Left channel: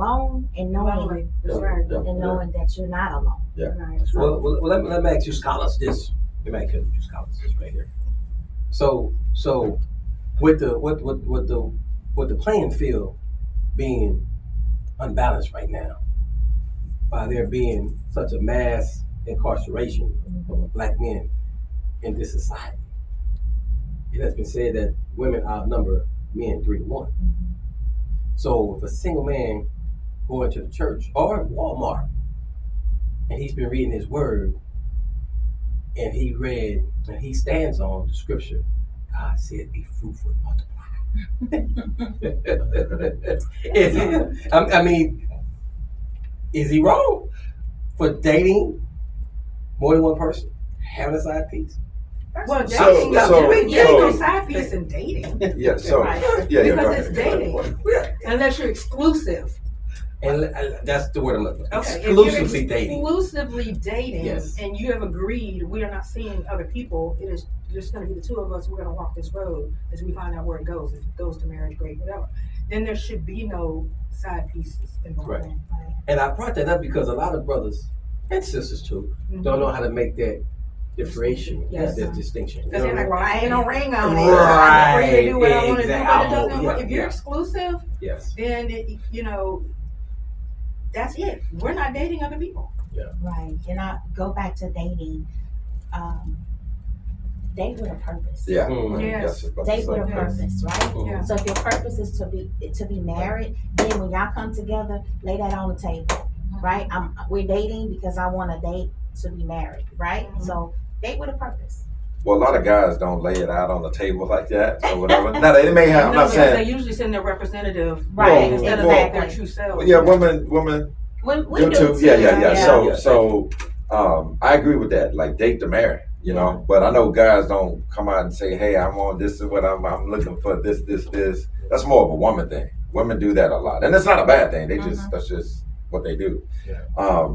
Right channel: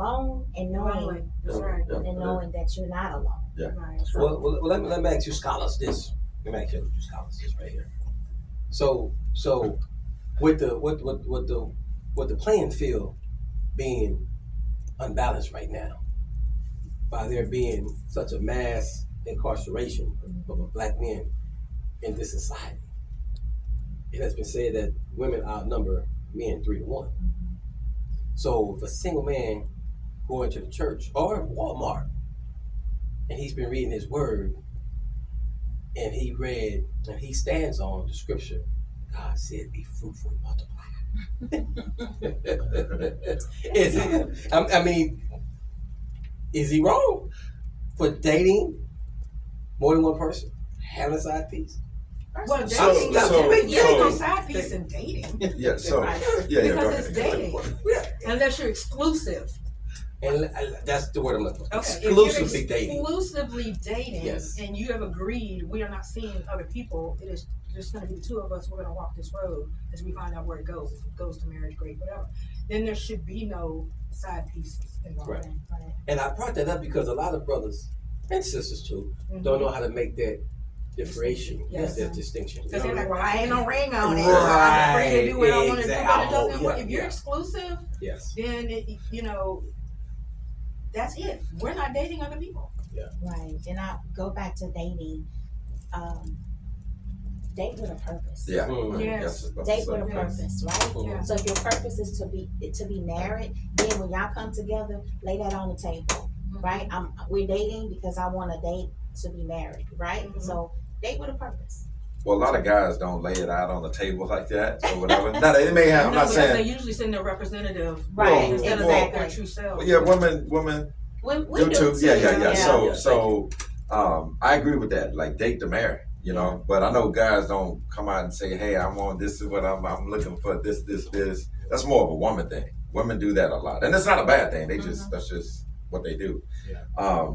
alone and knowing, That's right. and knowing that you're not alone. Yeah. Right. Well, let me ask you scholars this. Let me ask you scholars this right here. So with the playing field being unbalanced right now, by there being such a mass incarceration of black men in this society, it has been said that women outnumber men 3-1. So if a single man going to the church or Walmart and he's been reading his word and he stands on the scripture, God said, "Be fruitful and multiply." Is he wrong for dating more than one person, having a side piece? Well, So- dating, there's no side piece in dating. Yeah. So Right. yeah. Because it's dating, unless you're exclusive. And that's the word I'm looking for. Okay, Exclusively if you're dating. exclusively dating, Yes. and you have agreed we are not seeing other people. It is just going to be the two of us. We're going to walk this road as we find out where it goes. If it goes to marriage, great, whatever. Then there should be no side pieces involved. Right. And I brought that up because a lot of brothers and sisters too don't know how to make that differentiation, Yes. that distinction. Because they're like, well, I ain't no ring on it. Right, I'm free to do what I want to do, but it exactly. doesn't work. Yeah, If you're yeah. exclusive, Yes. then that's it. We're not dating other people. Right. And I go back to dating. Date with a purpose. Yeah. Yes. Date with a purpose, right? Yeah. So if your purpose is to be married, then when y'all come together, lay that on the table, right? We're dating because I want to date to be married, right? Mhm. So date with a purpose. Well, a lot of guys don't lay it out on the table like that or whatever. Now they may have. I'm No, not because saying. they usually send their representative, Right, instead of exactly. their true selves. Well, yeah, women. We You do too. too. Yeah. Yeah. So, I agree with that. Like date to marry, you know. But I know guys don't come out and say, "Hey, I'm on this is what I'm looking for. This. That's more of a woman thing. Women do that a lot, and it's not a bad thing. They just that's just what they do. Yeah.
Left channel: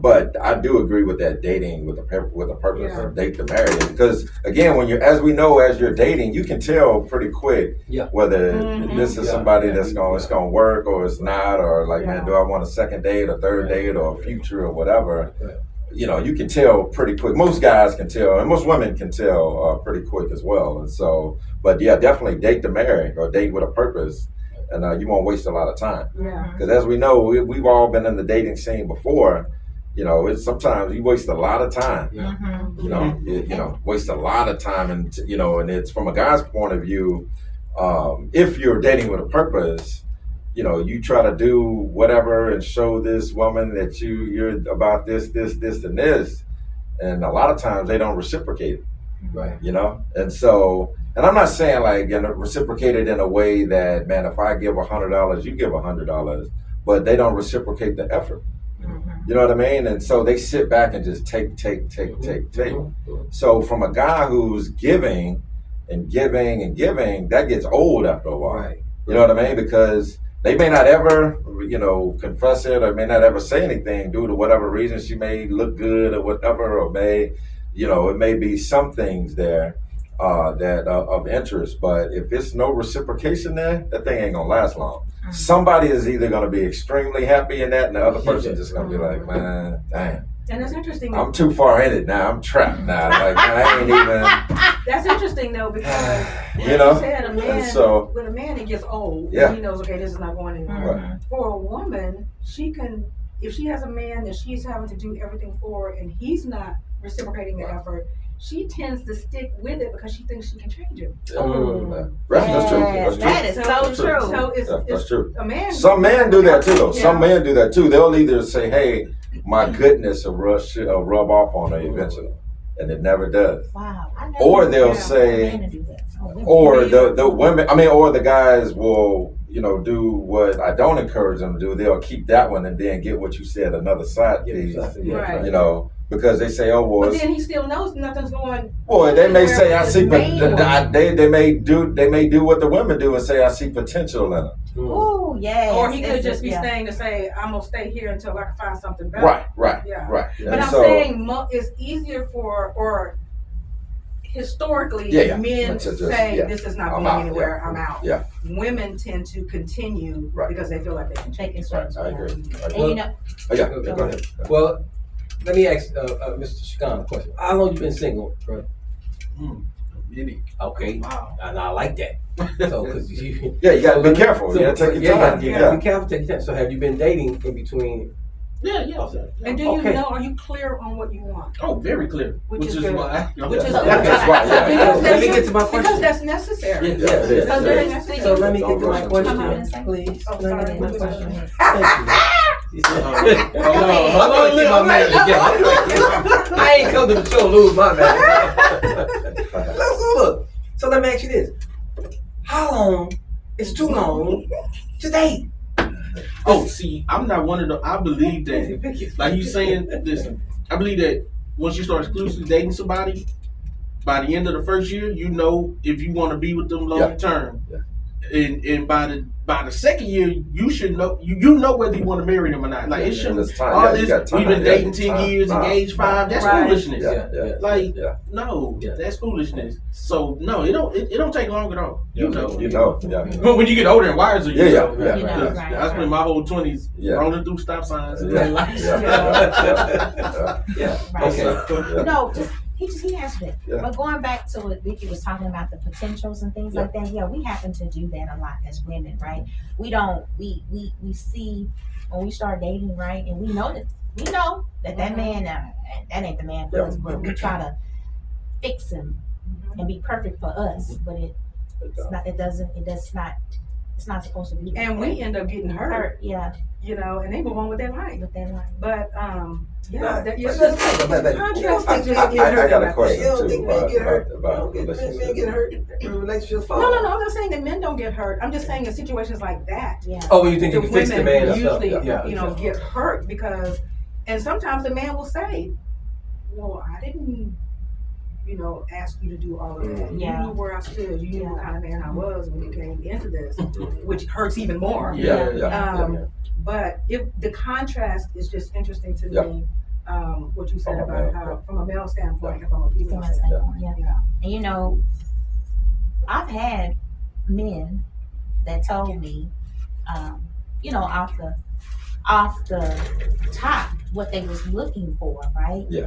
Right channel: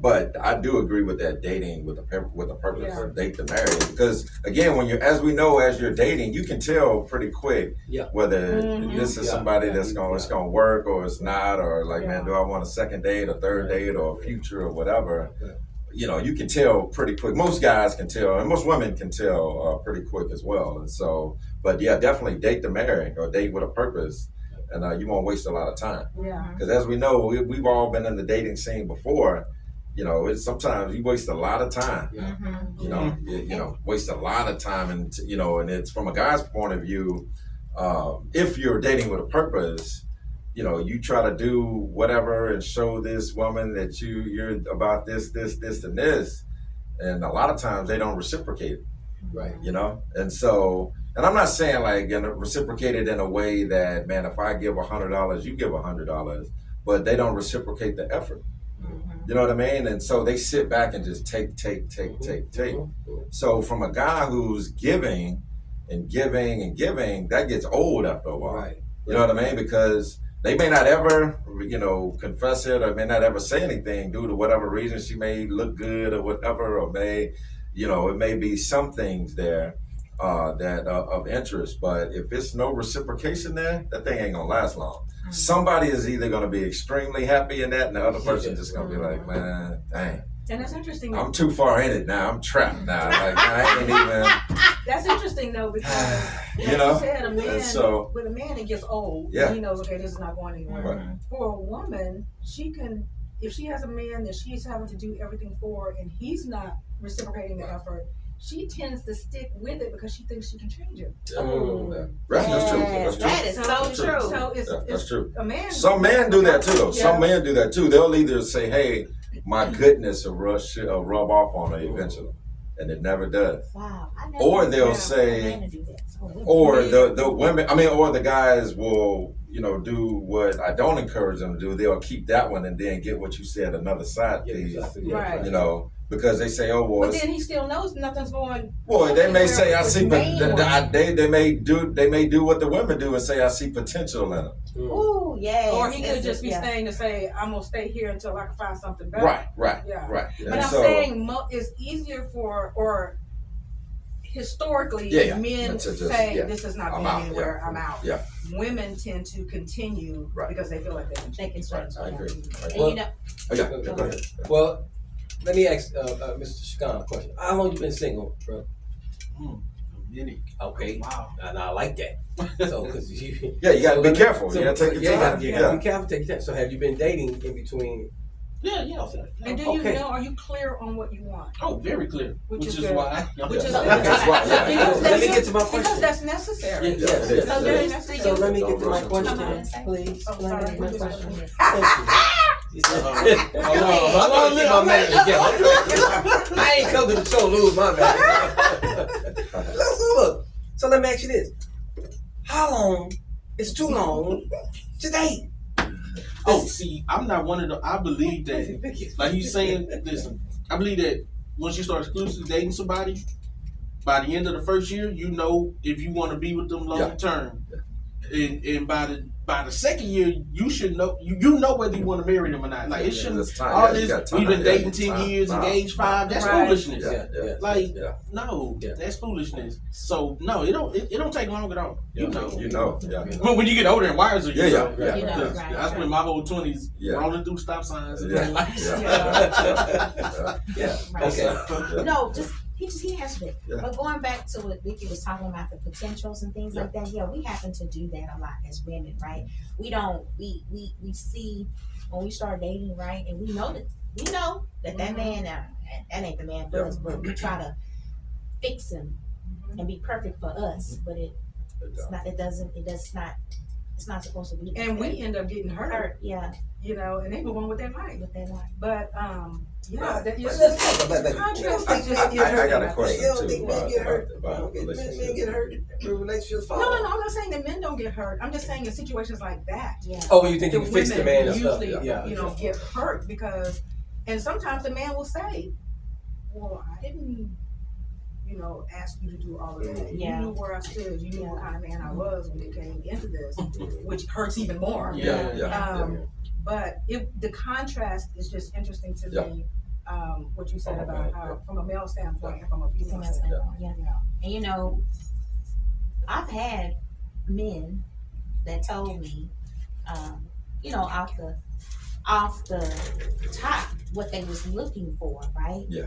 But I do agree with that dating with a purpose Yeah. of date to marry because again, when as you're dating, you can tell pretty quick Yeah. whether Mhm. this is Yeah. somebody Yeah. that's it's gonna work or it's not, or like, man, do I want a second date, a third date, or a future or whatever. Right. You know, you can tell pretty quick. Most guys can tell, and most women can tell pretty quick as well. And so, but yeah, definitely date to marry or date with a purpose, and you won't waste a lot of time. Yeah. Because as we know, we've all been in the dating scene before. You know, it's sometimes you waste a lot of time. Yeah. You know, waste a lot of time, and and it's from a guy's point of view. If you're dating with a purpose, you try to do whatever and show this woman that you're about this, and this, and a lot of times they don't reciprocate it. Right. And so, and I'm not saying like reciprocate it in a way that, man, if I give $100, you give $100, but they don't reciprocate the effort. You know what I mean? And so they sit back and just take. So from a guy who's giving and giving and giving, that gets old after a while. Right. You know what I mean? Because they may not ever, confess it, or may not ever say anything due to whatever reason. She may look good or whatever, or may, it may be some things there that of interest. But if it's no reciprocation there, that thing ain't gonna last long. Somebody is either gonna be extremely happy in that, and the other person just gonna be like, man, dang. And that's interesting. I'm too far in it now. I'm trapped now. Like, I ain't even. That's interesting though, because You like know? you said, a man, So- with a man, it gets old. Yeah. He knows, okay, this is not going anywhere. Right. For a woman, she can, if she has a man that she's having to do everything for, and he's not reciprocating the effort, she tends to stick with it because she thinks she can change him. That's true. That's true. That is so true. So it's, Yeah, that's it's true. a man. Some men do that too, though. Some Yeah. men do that too. They'll either say, "Hey, my goodness," will rub off on her eventually, and it never does. Wow. I never Or knew they'll that. say, Men do that. Oh, women. or the women, or the guys will, do what I don't encourage them to do. They'll keep that one and then get what you said, another side piece, Right. because they say, "Oh, well, But it's, then he still knows nothing's going. well, they may say I see, but Main they may do what the women do and say I see potential in them. Ooh, yes. Or he could It's just be yeah. staying to say, I'm gonna stay here until I can find something better. Right. Yeah. Right. But And I'm so, saying it's easier for, or historically, Yeah. men That's just- say yeah. this is not I'm going out, anywhere. yeah. I'm out. Yeah. Women tend to continue Right. because they feel like they can They change. can Right, change. I agree. I agree. And you know, Oh, yeah, yeah, go ahead. Well, let me ask Mr. Shakan a question. How long you been single, bro? Minute. Okay, Wow. and I like that. So, cause you, Yeah, you gotta be let me- careful. You gotta take your time. You gotta be careful. Take your time. So, have you been dating in between? Yeah. And do you Okay. know? Are you clear on what you want? Oh, very clear. Which is is good. why. Which is That's why, yeah. Because Let me that's- get to my Because question. that's necessary. Yeah, Yeah, it is. So It very is. necessary. So let me get to my Come question, on and say. please. Oh, Let me sorry. get my What question. was Thank you. Hold on, I'm trying to get my man together. I ain't come to the show to lose my man. So look, so let me ask you this: how long is too long to date? Oh, see, I'm not one of the. I believe that, like you saying, listen, I believe that once you start exclusively dating somebody, by the end of the first year, you know if you want to be with them long term. Yeah. And by the second year, you should know you know whether you want to marry them or not. Like it Yeah, shouldn't. it's time. All Yeah, you this, got time. you've been Yeah, dating it's 10 time. years, Nah, engaged nah. 5. That's Right. foolishness. Yeah. Like Yeah. no, Yeah. that's foolishness. So no, it don't take long at all. You know. You know, yeah. When you get older and wiser, you Yeah, know. yeah, You know, right. I spent my whole 20s Yeah. rolling through stop signs and Yeah. red lights. Yeah. Right. Okay. Yeah. no, he answered it. Yeah. But going back to what Vicky was talking about, the potentials and things like that, yeah, we happen to do that a lot as women, right? We see when we start dating, right, and we know that man that ain't the man for us, but we try to fix him and be perfect for us, but it's not supposed to be that And way. we end up getting hurt, Yeah, you know, and they move on with their life. with that line. But yeah, But- it's but- just but- contrast. I, is just I got a interesting. question You don't too think men about, get hurt? about Men relationships. get hurt when relationships fall. No, I'm not saying that men don't get hurt. I'm just saying in situations like that, Yeah. Oh, well, you think the you can fix the women man and stuff? usually, Yeah. you know, get hurt because, and sometimes the man will say, "Well, I didn't, you know, ask you to do all of that. Yeah. You knew where I stood. You knew what kind of man I was when you came into this," Mhm. which hurts even more. Yeah. But the contrast is just interesting to Yeah. me. What you said From a about male, how, from a male standpoint and from a female From a standpoint. standpoint, yeah. And you know, I've had men that told me, you know, off the top what they was looking for, right? Yeah.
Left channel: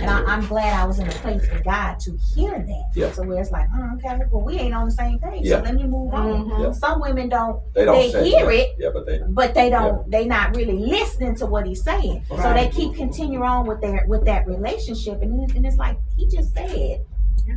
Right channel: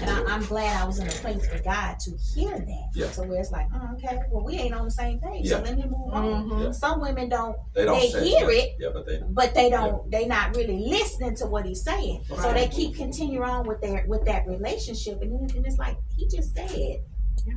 And I'm glad I was in a place with God to hear that. Yeah. So where it's like, okay, well we ain't on the same page, Yeah. so let me move on. Mhm. Yeah. Some women don't, They don't they say hear that. it, Yeah, but they but they don't, they not really listening to what he's saying. So Right. they keep continuing on with that relationship, and it's like he just said, Yeah.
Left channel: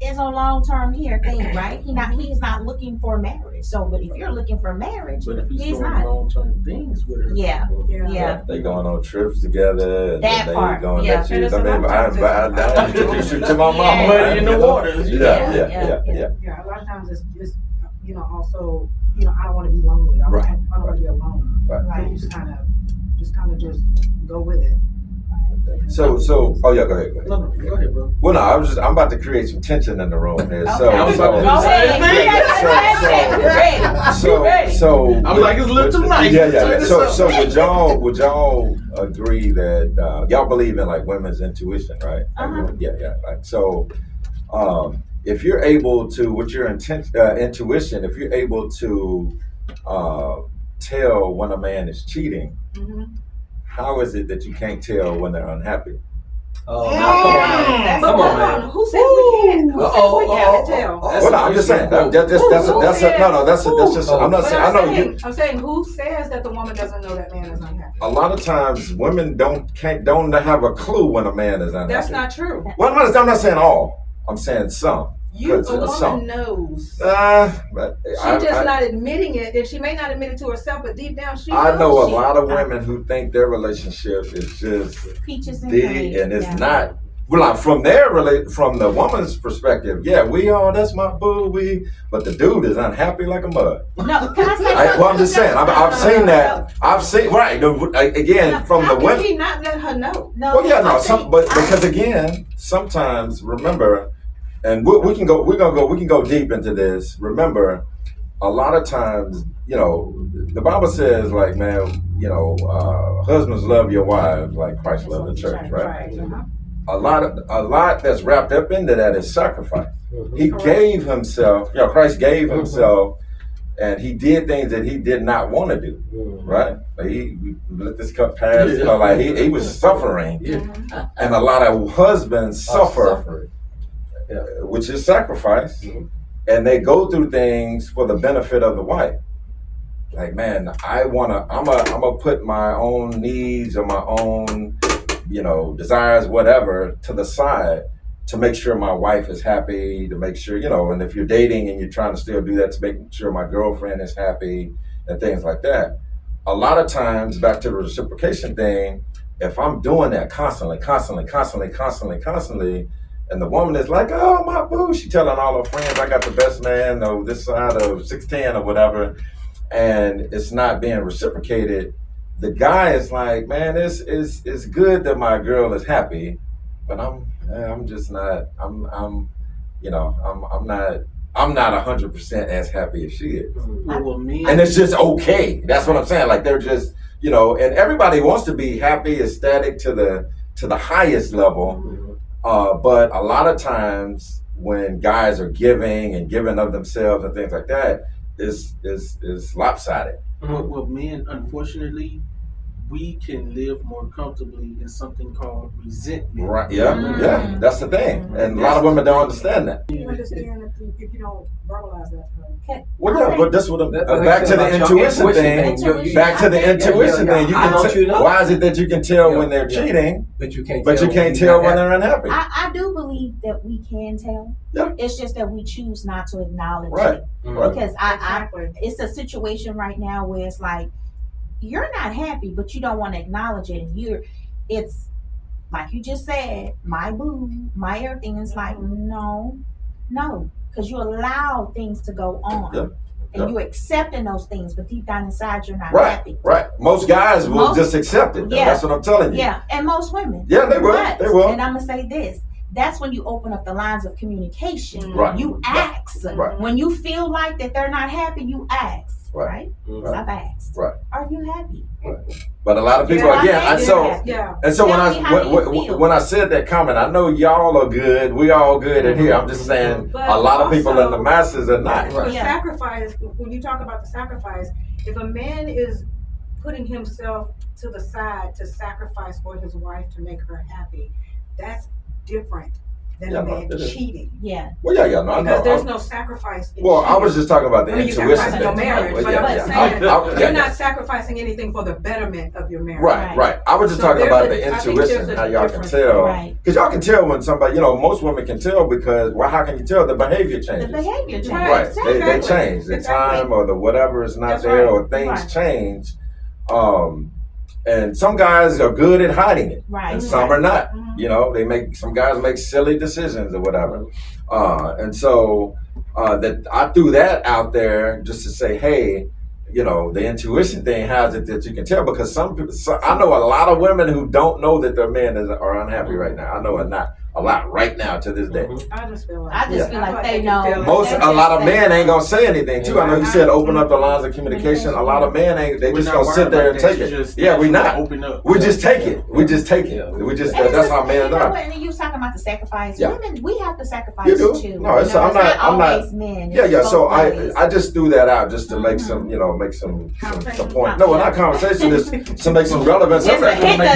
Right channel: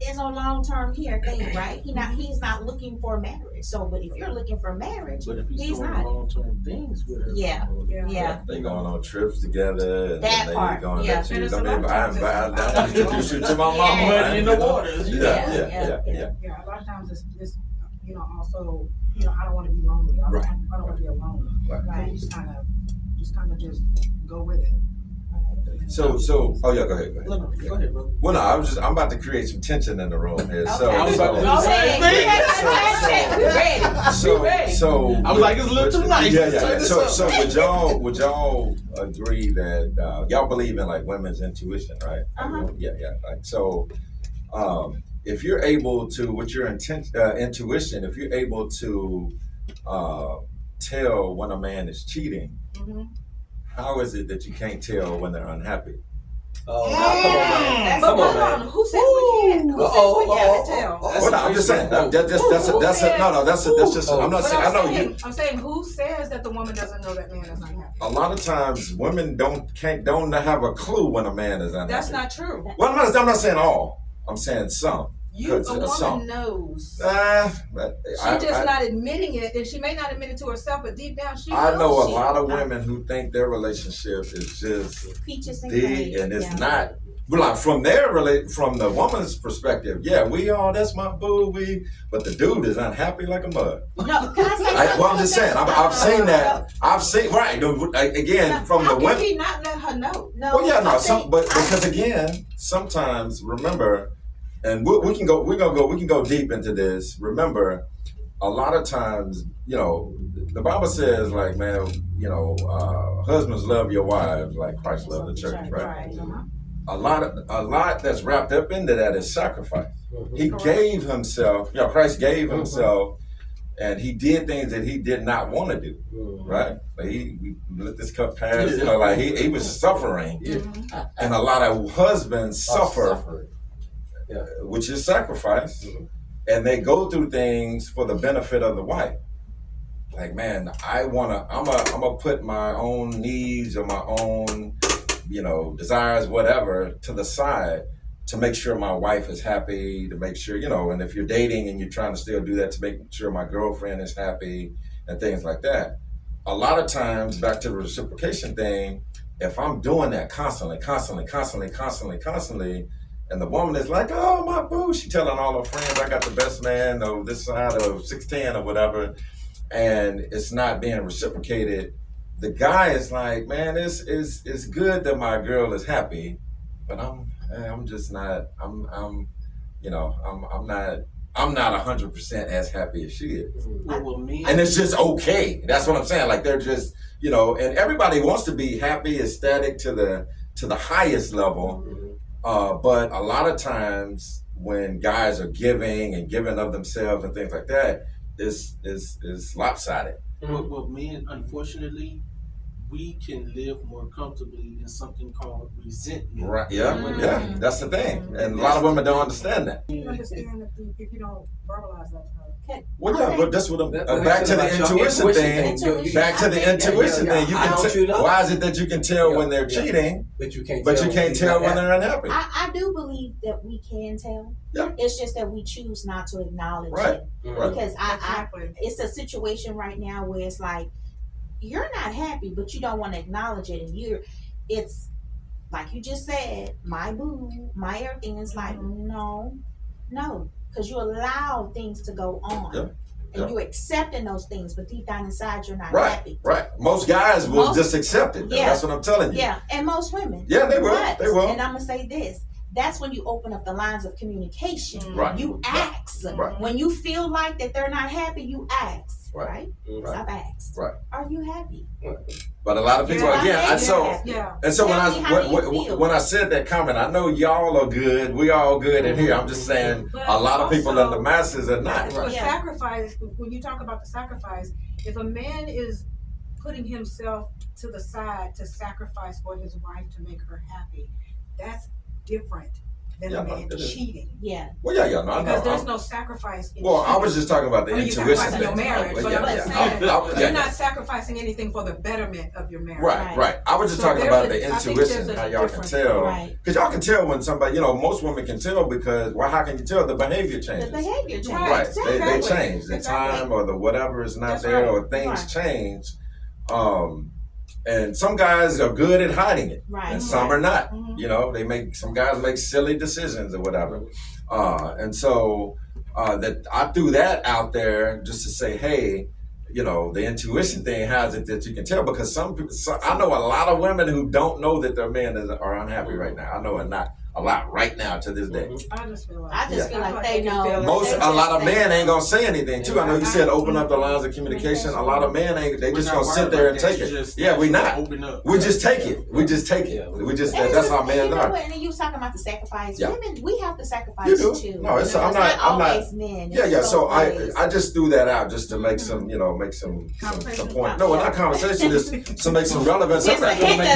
it's a long term here thing, right? He's not looking for marriage. So, but if you're looking for marriage, But if he's he's doing not. long-term things with her, Yeah. Yeah. Yeah. They going on trips together, and That then they part, going yeah. let you. And it's I a mean, lot of times I introduce you to my mama. Yeah. Money in the waters. Yeah, Yeah. yeah. Yeah, a lot of times it's you know, also, you know, I don't want to be lonely. I Right. don't want to be alone. Right. So you just kind of just go with it. So, oh yeah, go ahead. No, go ahead, bro. Well, no, I'm about to create some tension in the room here. So, Okay. I was about to Go do the same ahead. thing. so I was like, it's a little too nice. Yeah. Turn this up. So would y'all agree that y'all believe in like women's intuition, right? Uh-huh. Yeah. Like so, if you're able to, with your intuition, if you're able to tell when a man is cheating, Mm-hmm. how is it that you can't tell when they're unhappy? Oh, now, come on, man. Who says we can't? Who says we can't tell? Well, no, I'm just saying. That's just. I'm not But saying. I know you. I'm saying who says that the woman doesn't know that man is unhappy? A lot of times, women don't have a clue when a man is unhappy. That's not true. Well, I'm not saying all. I'm saying some. A Because of woman some. knows. But She's just not admitting it, and she may not admit it to herself, but deep down she knows. I know a lot of women who think their relationship is just Peaches and deep, cream. and it's Yeah. not. Well, like from from the woman's perspective, yeah, that's my boo, but the dude is unhappy like a mud. No, can I say Well, I'm just saying, I've seen that. I've seen again from the How can women. he not let her know? No. Well, yeah, no, I but think- because again, sometimes remember, and we can go deep into this. Remember, a lot of times, you know, the Bible says, like, man, you know, husbands love your wives like Christ loved the church, right? Uh-huh. a lot that's wrapped up into that is sacrifice. He Correct. gave himself, Christ gave himself, and he did things that he did not want to do, right? Like he let this cup pass, like he was suffering. Yeah. And a lot of husbands suffer, Suffering. Yeah. which is sacrifice, and they go through things for the benefit of the wife. Like, man, I'm gonna put my own needs or my own, desires, whatever, to the side to make sure my wife is happy, to make sure, and if you're dating and you're trying to still do that, to make sure my girlfriend is happy and things like that. A lot of times, back to the reciprocation thing, if I'm doing that constantly, and the woman is like, oh, my boo, she telling all her friends, I got the best man of this side of 6'10" or whatever, and it's not being reciprocated, the guy is like, man, it's good that my girl is happy, but I'm just not, I'm not 100% as happy as she is. Well, me And it's just okay. That's what I'm saying. Like they're just, and everybody wants to be happy, ecstatic to the highest level. But a lot of times when guys are giving of themselves and things like that, is lopsided. Well, men, unfortunately, we can live more comfortably in something called resentment. Right? Yeah. That's the thing, and a lot of women don't understand that. You understand if you don't verbalize that to her. Well, yeah, but that's what That- back to the that's your intuition thing. Intuition. Back to the intuition thing. You How can don't you know? why is it that you can tell Yeah, when they're yeah. cheating, But you can't tell when they're unhappy? I do believe that we can tell. Yeah. It's just that we choose not to acknowledge Right. it. Right. Because Exactly. it's a situation right now where it's like, you're not happy, but you don't want to acknowledge it. And it's like you just said, my boo, my everything. It's like, no, because you allow things to go on. Yeah. And you're accepting those things, but deep down inside, you're not Right. happy. Right. Most guys will Most- just accept it. Yeah. That's what I'm telling you. Yeah, and most women. Yeah, they will. But- They will. And I'm gonna say this: that's when you open up the lines of communication. Right. You ask. Right. When you feel like that they're not happy, you ask. Right. Right? So Right. I've asked. Right. Are you happy? But a lot of people, Yeah, again, I so. think Yeah. And so Tell me, how do you feel? when I said that comment, I know y'all are good. We all good in here. I'm just saying But a lot of people also- in the masses are not. For Yeah. sacrifice, when you talk about the sacrifice, if a man is putting himself to the side to sacrifice for his wife to make her happy, that's different than Yeah, a no, man it is. cheating. Yeah. Well, yeah, no, I Because know. there's no sacrifice in Well, I cheating. was just talking about the I mean, you intuition sacrifice in your thing. marriage, Well, but I'm just yeah. saying, Yeah. you're not sacrificing anything for the betterment of your marriage. Right. I was just So talking about there's the a- I think intuition, there's a how y'all can difference. tell. Right. Because y'all can tell when somebody, most women can tell because, well, how can you tell? The behavior The changes. behavior change. Right. Right. They Exactly. change. The Exactly. time or the whatever is not That's there right. or things Right. change. And some guys are good at hiding it. Right. And some are not. Mhm. Some guys make silly decisions or whatever. And so that I threw that out there just to say, hey, the intuition thing has it that you can tell because some people, I know a lot of women who don't know that their men are unhappy right now. I know a lot right now to this day. I just feel like I just Yeah. feel like I they can know. feel it. A lot of men ain't gonna say anything too. I know you said open up the lines of communication. A lot of men ain't. They We're just not gonna sit wired there like and that. take You it. just Yeah, we not. Open up. We just take it. We just take it. Yeah. We just And that's it's how just- men you know are. what, and you was talking about the sacrifice. Yeah. Women, we have to sacrifice You do. too. No, it's- I'm not not- always men. Yeah, It's yeah. So both ways. I just threw that out just to make Mhm. some some Conversation. point. No, not conversation. Is to make some relevance. Just to hit the-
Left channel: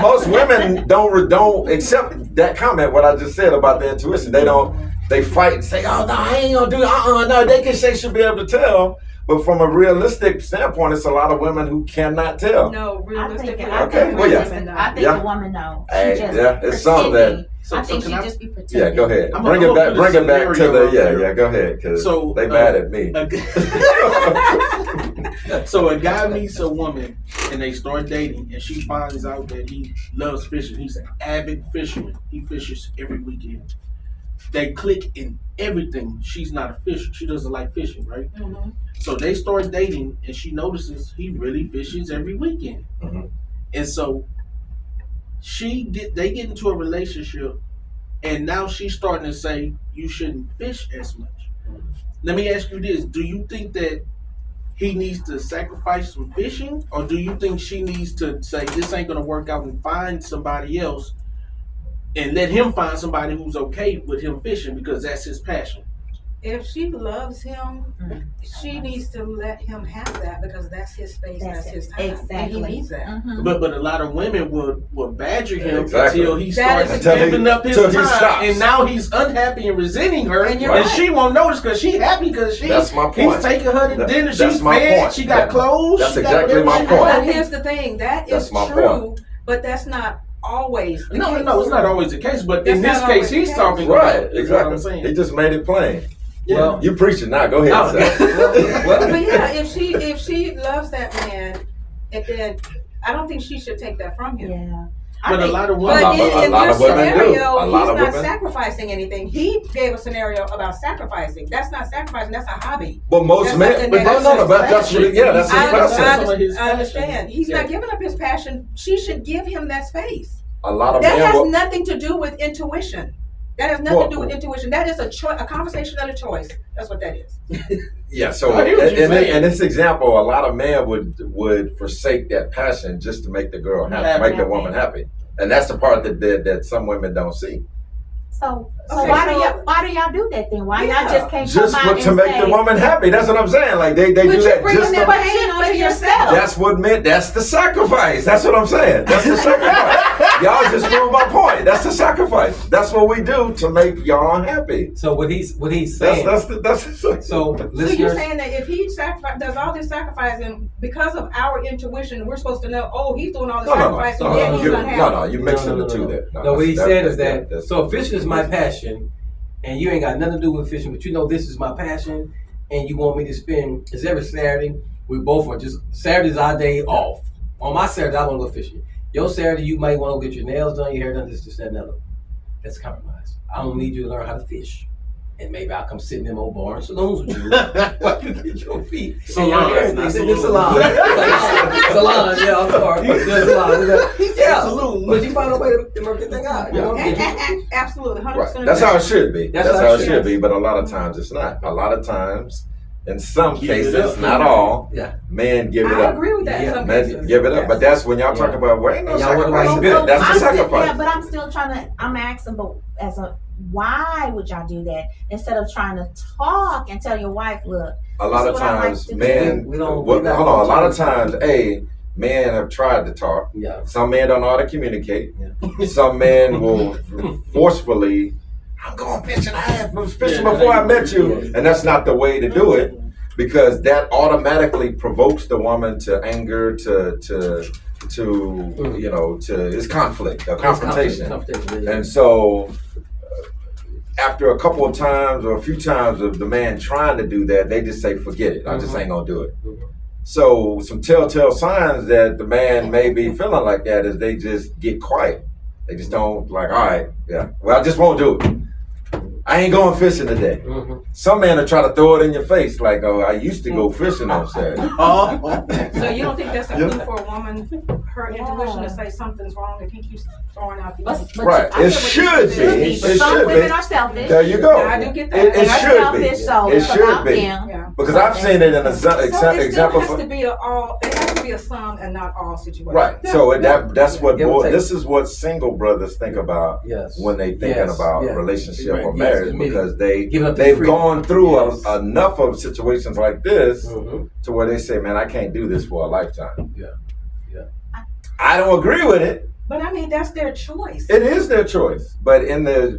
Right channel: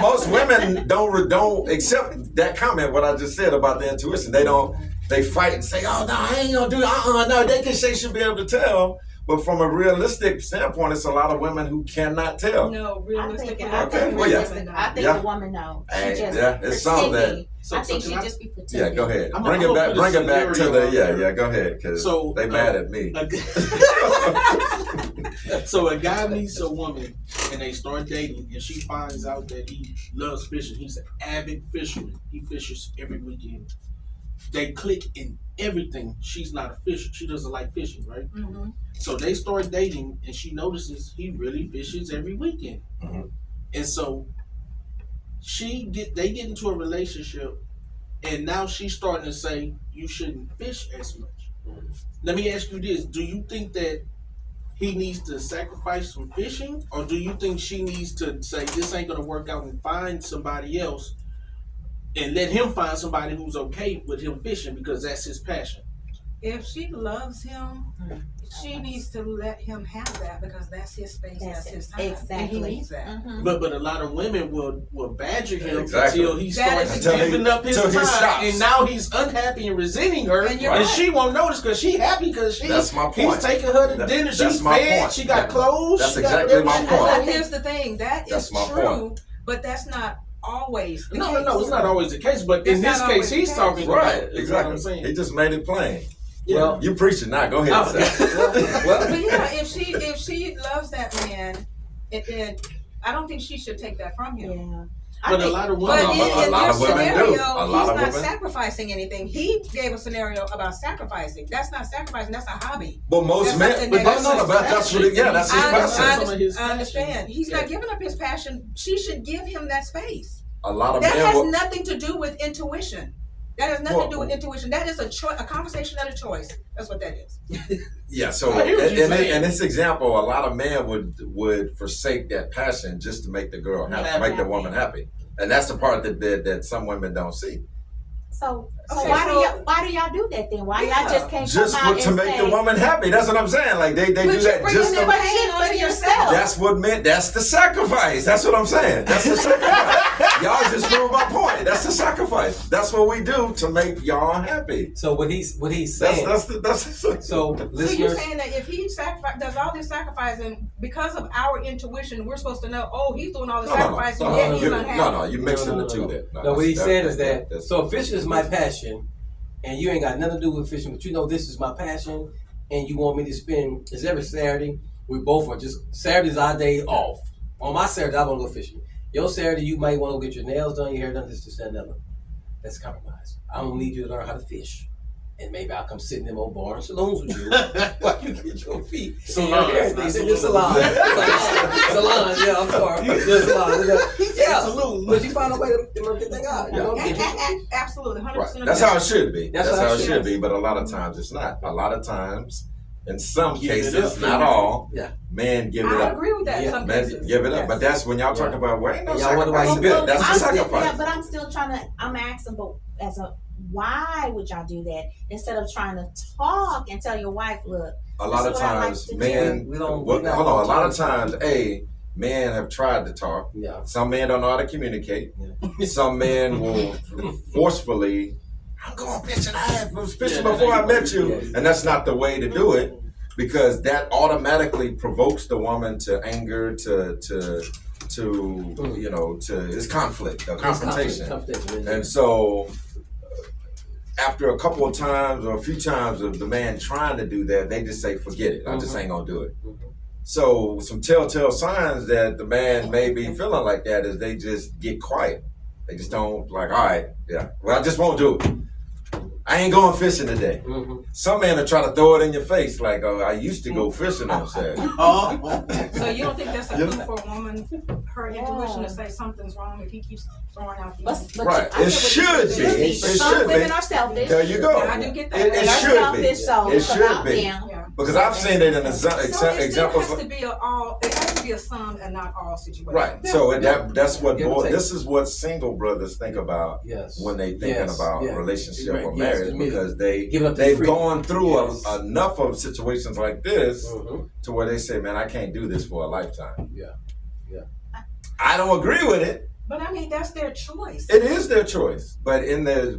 Most women don't accept that comment. What I just said about the intuition, they don't. They fight and say, "Oh no, I ain't gonna do it." No, they can say should be able to tell. But from a realistic standpoint, it's a lot of women who cannot tell. No, realistically. I Okay, think well, yeah. I think Yeah. the woman knows. Hey, She just yeah, it's something that- pretending. So- I think so she can I- just be Yeah, pretending. go ahead. I'm Bring gonna it back. put a Bring it back to scenario the out yeah. there. Go ahead, because So, they mad at me. So a guy meets a woman and they start dating and she finds out that he loves fishing. He's an avid fisherman. He fishes every weekend. They click in everything. She's not a fisher. She doesn't like fishing, right? Mhm. So they start dating and she notices he really fishes every weekend. Mhm. And so they get into a relationship and now she's starting to say you shouldn't fish as much. Let me ask you this. Do you think that he needs to sacrifice some fishing, or do you think she needs to say this ain't gonna work out and find somebody else and let him find somebody who's okay with him fishing because that's his passion? If she loves him, she needs to let him have that because that's his space, that's his time. Exactly. And he needs that. Mhm. But a lot of women would badger him Exactly. until he That starts is- giving up his till he time, stops. and now he's unhappy and resenting her, And and, you're right. she won't notice because she happy because That's my point. he's taking her to That- dinner, that's she's my fed, point. she got Yeah. clothes. That's she got exactly my everything. point. But here's the thing, that That's is my true, point. but that's not always the case. No, it's not always the case, but That's in this not case, always the he's case. talking Right, about, is what I'm exactly. saying. He just made it plain. Well, You preaching now. Go ahead. Oh, Seth. But yeah, if she loves that man, then I don't think she should take that from him. Yeah. But a lot of women, But A in lot your of women do. scenario, A lot he's of not women. sacrificing anything. He gave a scenario about sacrificing. That's not sacrificing. That's a hobby. But most That's men, something but that- no, but that's what. Yeah, that's his I passion. understand. I understand. He's Yeah. not giving up his passion. She should give him that space. A lot of That men. has will- nothing to do with intuition. That has nothing Well- to do with intuition. That is a conversation and a choice. That's what that is. Yeah, so I hear what you're saying. in this example, a lot of men would forsake that passion just to make the girl happy, Happy. make the woman happy, and that's the part that some women don't see. So Okay, why do so- y'all do that then? Why Yeah. y'all just can't Just come out to and make say, the woman happy. That's what I'm saying. Like they But do you're that bringing just them to. back pain onto on yourself. yourself. That's what meant. That's the sacrifice. That's what I'm saying. That's the sacrifice. Y'all just proved my point. That's the sacrifice. That's what we do to make y'all happy. so what he's saying. That's the So So you're listeners, saying that if he does all this sacrificing because of our intuition, we're supposed to know, oh, he's doing all this sacrificing, no, yeah, no, he's you, unhappy. no, you're mixing No, the two there. No, what he said is that, that's- so fishing is my passion, and you ain't got nothing to do with fishing, but you know this is my passion, and you want me to spend, it's every Saturday, we both are just, Saturday's our day off. On my Saturday, I want to go fishing. Your Saturday, you might want to go get your nails done, your hair done, this, that, and another. That's compromise. I don't need you to learn how to fish. And maybe I'll come sit in them old bar and saloons with you while you get your feet. Salons, not Salon. saloons. Salon, yeah, I'm sorry. The salon. Yeah. Saloon. But you find a way to work the thing out, you know? Absolutely, 100%. Right. That's how it should be. That's That's how how it it should should be. But a lot of times it's not. A lot of times, in some Give it cases, up. not all, Yeah. men give it I up. agree with that in Yeah, some Men cases. give it up. Yes. But that's when y'all talk Yeah. about, well, ain't no And y'all wonder why sacrifice. he bitter. That's the I'm still, sacrifice. yeah, but I'm still trying to. I'm asking, but why would y'all do that instead of trying to talk and tell your wife, look, A lot This of is what I like times, to do. men. We don't- well, we not hold on. A lot of gonna times, men have tried to talk. Yeah. Some men don't know how to communicate. Some men will forcefully, I'm going fishing. I was fishing Yeah, before I met you. Yeah. And that's not the way to do it, because that automatically provokes the woman to anger, to it's conflict, a confrontation. Confrontation. And so after a couple of times or a few times of the man trying to do that, they just say, forget it. I just ain't gonna do it. So some telltale signs that the man may be feeling like that is they just get quiet. They just don't like, all right, yeah, well, I just won't do it. I ain't going fishing today. Some men will try to throw it in your face, like, oh, I used to go fishing on Saturday. So you don't think that's a Yeah. clue for a woman, her intuition to say something's wrong if he keeps throwing out these? but Right. I It get what should you're be. saying. It But some should women be. are selfish. There you go. I do get that. It They're should be. selfish, so It it's should about be. them. Yeah. Because I've seen it in an So it still example. has to be it has to be a some and not all situation. Right. So that's what Give or take. this is what single brothers think about Yes. when they thinking Yes. about Yeah. relationship Right. or Yes. marriage, Admit it. because Give up their they've freedom. gone through Yes. enough of situations like this Mhm. to where they say, man, I can't do this for a lifetime. Yeah. Yeah. I don't agree with it. But I mean, that's their choice. It is their choice. But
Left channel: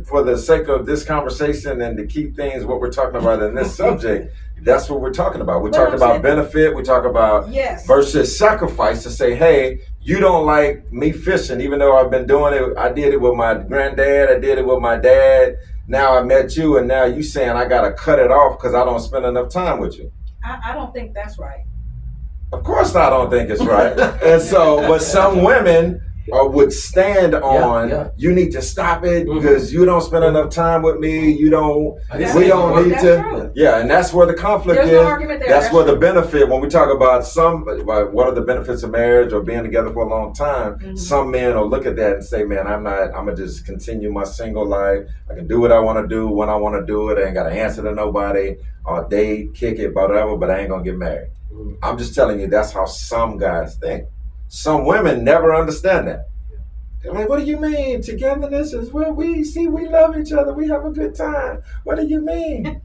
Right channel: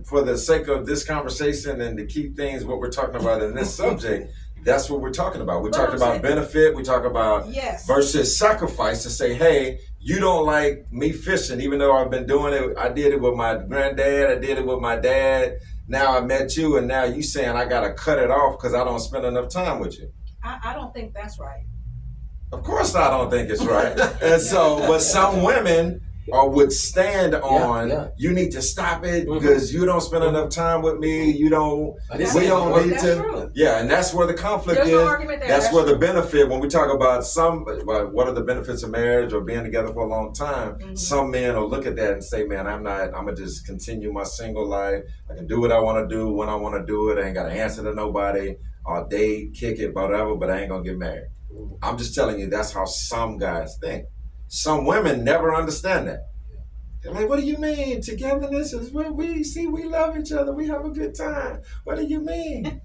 for the sake of this conversation and to keep things what we're talking about in this subject, that's what we're talking about. We're But talking I'm about saying- benefit. We talk about Yes. versus sacrifice, to say, hey, you don't like me fishing, even though I've been doing it. I did it with my granddad. I did it with my dad. Now I met you, and now you saying I got to cut it off because I don't spend enough time with you. I don't think that's right. Of course I don't think it's right. And so, but some women would stand on, yeah. you need to stop it Mhm. because you don't spend enough time with me. You don't, That's we it. don't need That's to. true. Yeah, and that's where the conflict There's is. no argument there. That's where the true. benefit, when we talk about what are the benefits of marriage or being together for a long time, Mhm. some men will look at that and say, man, I'm gonna just continue my single life. I can do what I want to do when I want to do it. I ain't got to answer to nobody. or date, kick it, whatever, but I ain't gonna get married. Mhm. I'm just telling you, that's how some guys think. Some women never understand that. They're like, what do you mean? Togetherness is where we love each other. We have a good time. What do you mean?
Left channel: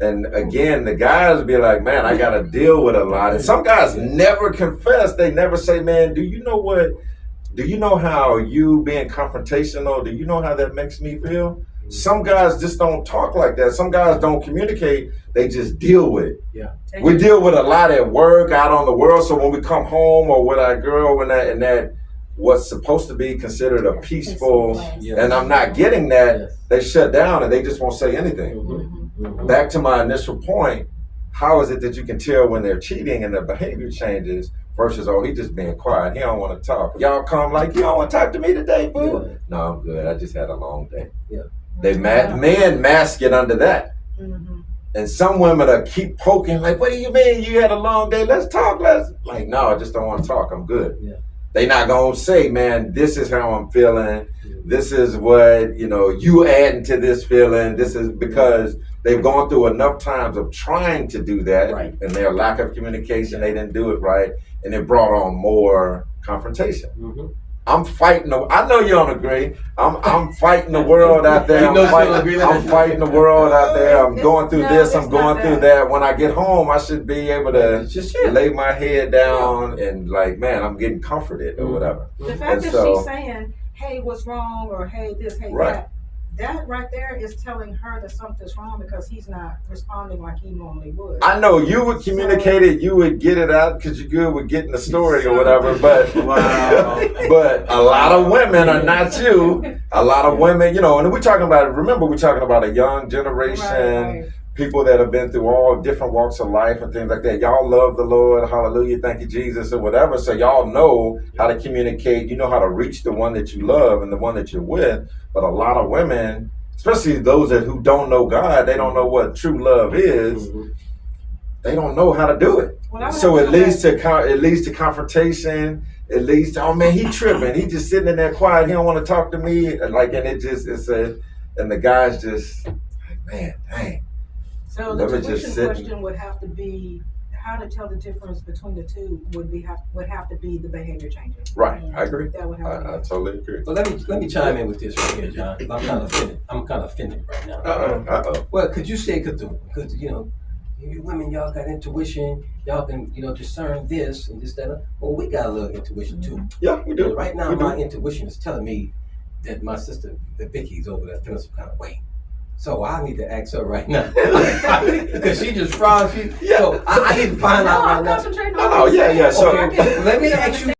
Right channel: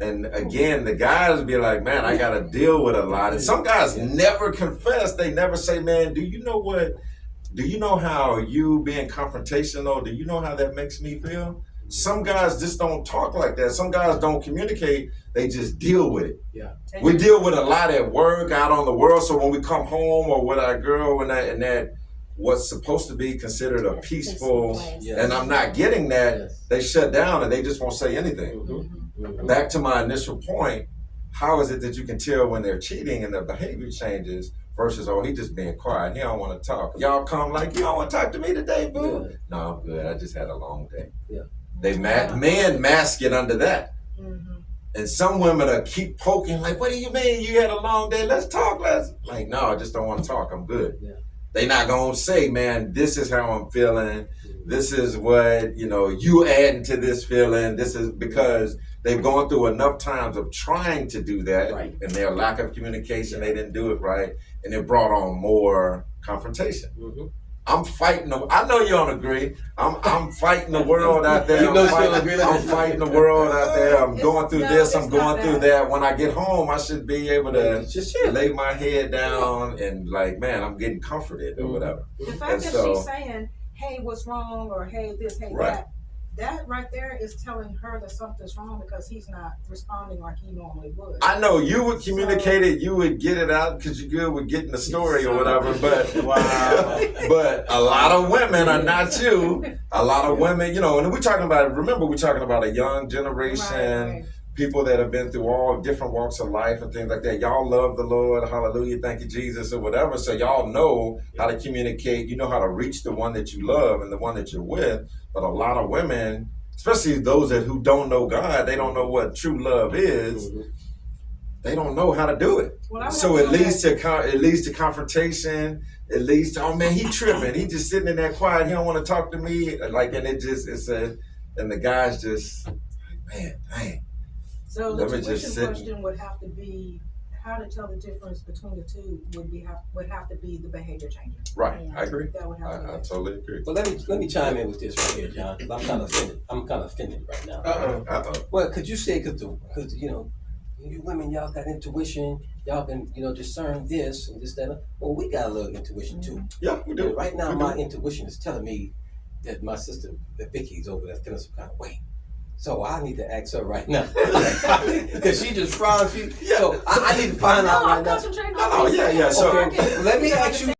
And again, the guys be like, man, I got to deal with a lot. And some guys never confess. They never say, man, do you know how you being confrontational, do you know how that makes me feel? Some guys just don't talk like that. Some guys don't communicate. They just deal with it. Yeah. We deal with a lot at work, out on the world. So when we come home or with our girl in that what's supposed to be considered a peaceful, Yes. and I'm not getting that, Yes. they shut down and they just won't say anything. Mhm. Mhm. Back to my initial point, how is it that you can tell when they're cheating and their behavior changes versus, oh, he just being quiet, he don't want to talk. Y'all come like, you don't want to talk to me today, boo? Yeah. No, I'm good. I just had a long day. Yeah. Men mask it under that. Mm-hmm. And some women are keep poking, like, what do you mean you had a long day? Let's talk. Like, no, I just don't want to talk. I'm good. Yeah. They not gonna say, man, this is how I'm feeling. This is what, you adding to this feeling. This is because they've gone through enough times of trying to do that, Right. and their lack of communication, they didn't do it right, and it brought on more confrontation. Mhm. I'm fighting. I know you don't agree. I'm fighting the world out there. You know she don't agree. I'm fighting the world out there. I'm going through this. I'm it's going not through that. When I get home, I should be able to It's just lay my head down and like, man, I'm getting comforted or whatever. The fact And that so- she's saying, hey, what's wrong, or hey, this, hey, Right. that right there is telling her that something's wrong because he's not responding like he normally would. I know you would communicate it, you would get it out because you're good with getting the story or whatever, but but a lot of women are not you. A lot of women, and we're talking about, remember, we're talking about a young generation, Right. people that have been through all different walks of life and things like that. Y'all love the Lord, hallelujah, thank you, Jesus, or whatever. So y'all know how to communicate, you know how to reach the one that you love and the one that you're with. But a lot of women, especially those who don't know God, they don't know what true love is. Mhm. They don't know how to do it. Well, I would So have it to go leads to confrontation. It leads to, oh man, he tripping. He just sitting in there quiet. He don't want to talk to me. And the guys just like, man, dang. So Let the me just tuition sit- question would have to be, how to tell the difference between the two would have to be the behavior changes. Right, I agree. That would have to I be. totally agree. Well, let me chime in with this right here, John. 'Cause I'm kind of offended right now. Uh-oh. Well, could you say because you women, y'all got intuition, y'all can discern this and this, that. Well, we got a little intuition too. Yeah, we do. And right now, We do. my intuition is telling me that my sister Vicky's over there feeling some kind of way. So I need to ask her right now because she just frowned. Yeah. So I need to find out No, right I'm now. concentrating No, on yeah. So Okay, let me ask you